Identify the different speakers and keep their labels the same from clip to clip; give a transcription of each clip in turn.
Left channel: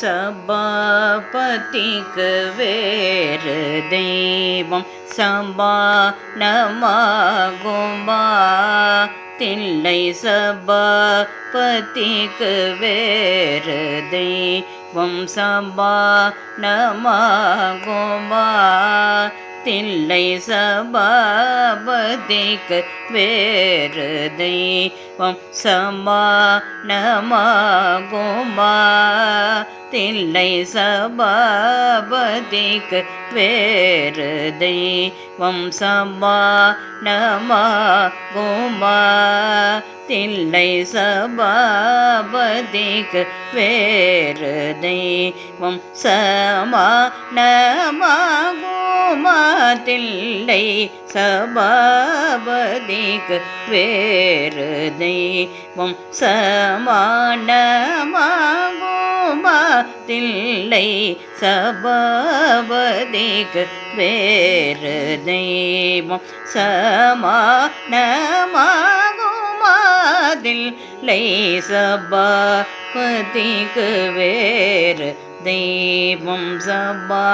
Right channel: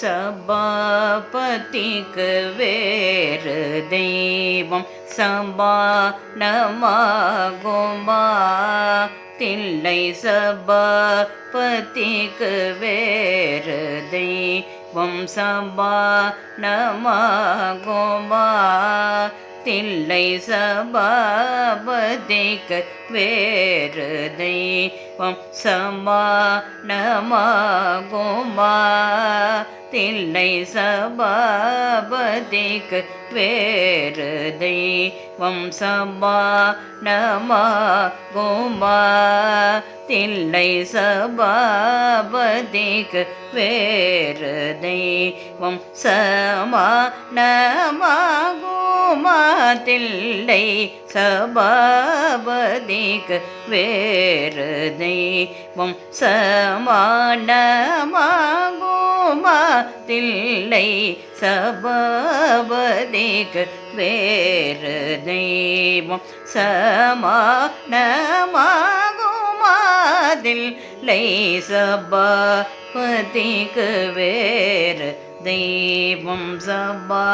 Speaker 1: சபாபதிக்கு வேறு தெய்வம் சபா நமாகுமா தில்லை சபாபதிக்கு வேறு தெய்வம் சபா நமாகுமா தில்லை சபாபதிக்கு வேறு தெய்வம் சமானமாகுமா? தில்லை சபாபதிக்கு வேறு தெய்வம் சமானமாகுமா? தில்லை சபாபதிக்கு வேறு தெய்வம் சமானமாகும்? நமாகுமா தில்லை சபாபதிக்கு வேறு தெய்வம் சமானமாகுமா தில்லை சபாபதிக்கு வேறு தெய்வம் சமானமாகுமா தில்லை சபாபதிக்கு வேறு தெய்வம் சபா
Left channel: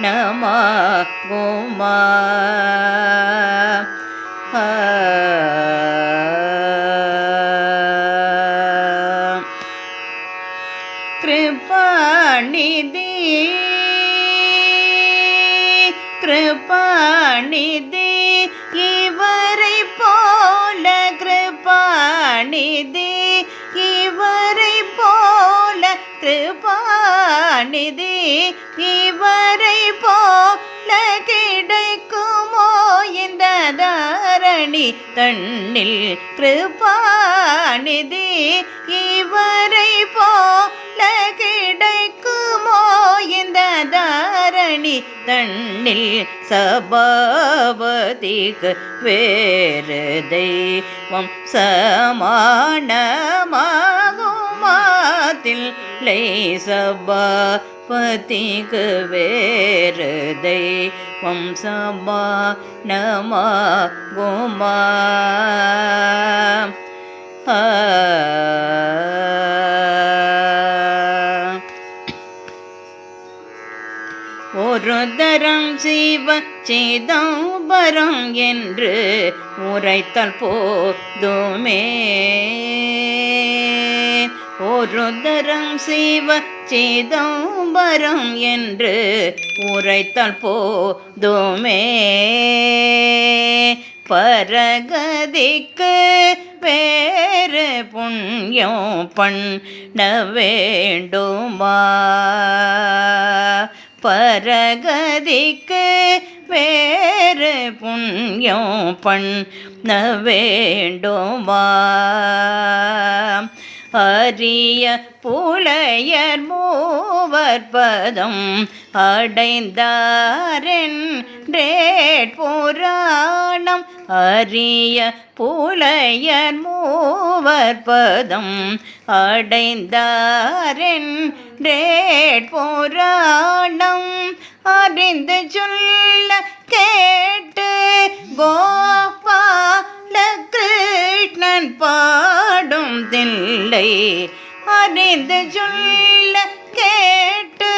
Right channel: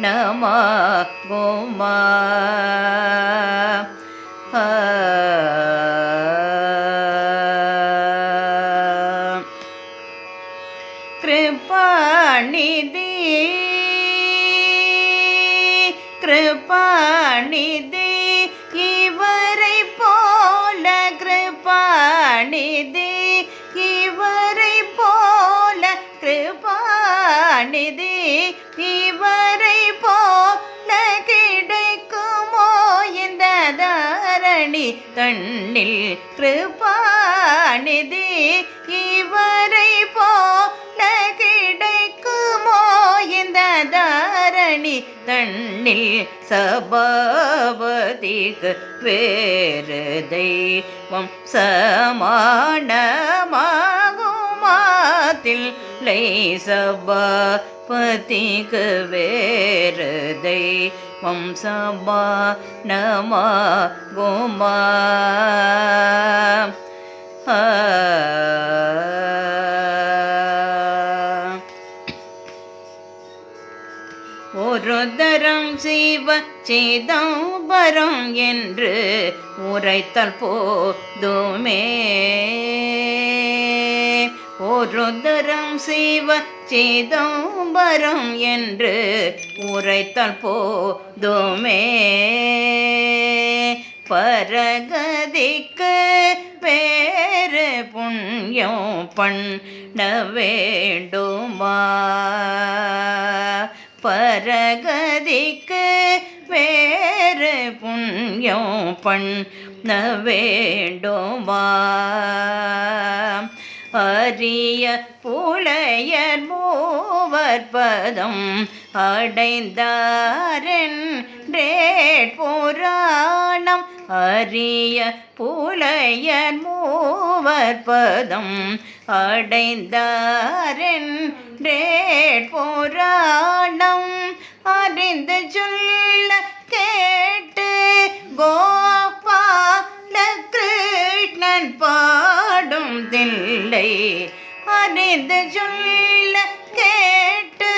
Speaker 1: நமா கோமா கிருபாநிதி கிருபாநிதி இவரை போல கிருபாநிதி கணிதி இவரை போல கிடைக்குமோ இந்த தாரணி? தண்ணில் கிருபாநிதி இவரை போல கிடைக்குமோ இந்த தாரணி? தண்ணில் சபாபதிக்கு வேறு தெய்வம் சமானமாகும். சமானமாகுமாதில்லை சபாபதிக்கு வேறு தெய்வம் சபா நமா குமா ஒரு தரம் சிவ சிதம்பரம் என்று உரைத்தல் போதுமே. ஒரு செய்வ சிவ சிதம்பரம் என்று உரைத்தல் போதுமே. பரகதிக்கு வேறு புண்ணியம் பண்ண வேண்டுமா? பரகதிக்கு வேறு புண்ணியம் பண்ண வேண்டுமா? அரிய புலையர் மூவர் பதம் அடைந்தாரென்றே புராணம் அரிய புலையர் மூவர் பதம் அடைந்தாரென்றே புராணம் அறிந்து சொல்ல கேட்டு கோபால கிருஷ்ணன் பா பாடும் தில்லை அறிந்து சொல்ல கேட்டு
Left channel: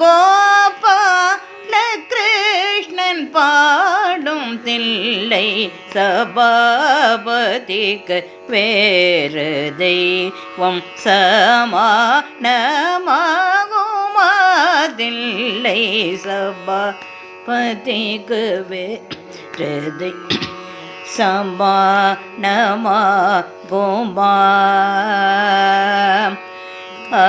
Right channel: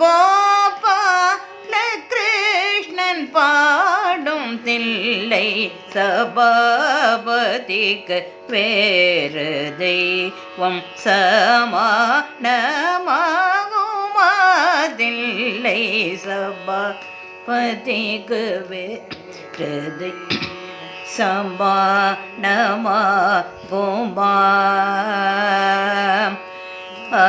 Speaker 1: கோபால கிருஷ்ணன் பாடும் தில்லை சபாபதிக்கு வேறு தெய்வம் சமானமாகுமாதில்லை சபாபதிக்கு வேறு தெய்வம். சம்பா நமா கோமா ஆ